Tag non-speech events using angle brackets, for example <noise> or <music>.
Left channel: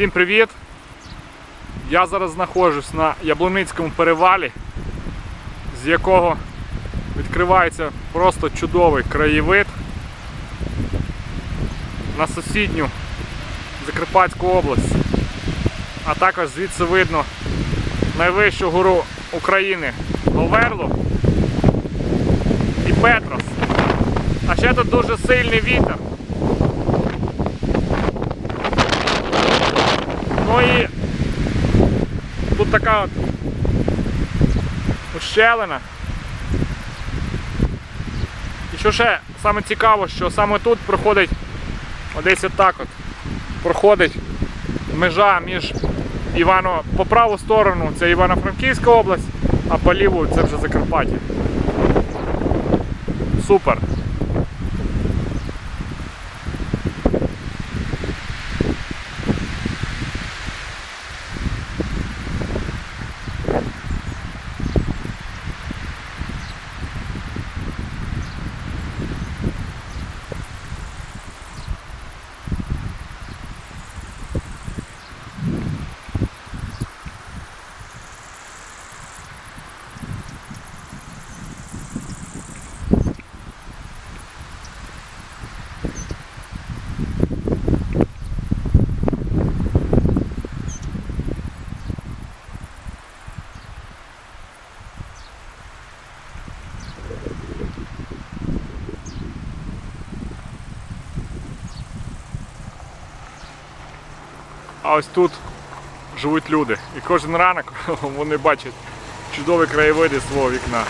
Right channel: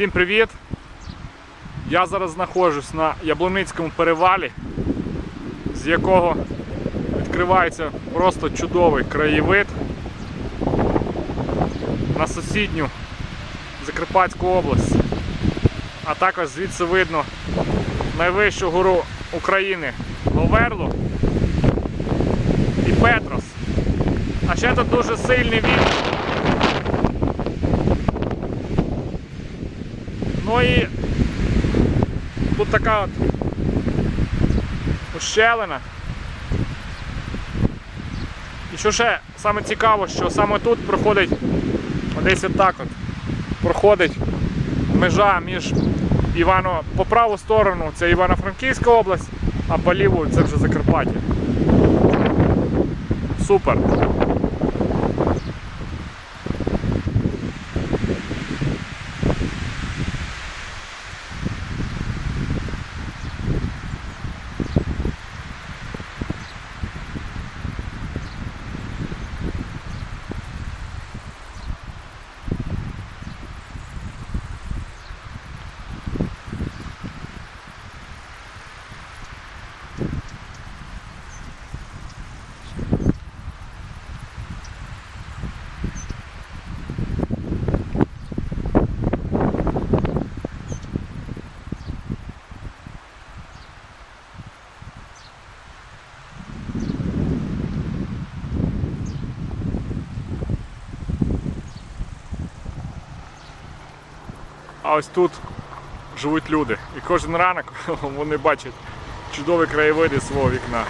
Всім привіт! Я зараз знаходжусь на Яблуницькому перевалі, з якого відкривається просто чудовий краєвид на сусідню Закарпатську область. А також звідси видно найвищу гору України Говерлу і Петрос. А ще тут дуже сильний вітер. Ну і тут така от ущелина. І що ще саме цікаво, що саме тут проходить десь отак от проходить межа між Івано по праву сторону це Івано-Франківська область, а по ліву це вже Закарпаття. Супер. А ось тут живуть люди. І кожен ранок <laughs> вони бачать чудові краєвиди свого вікна.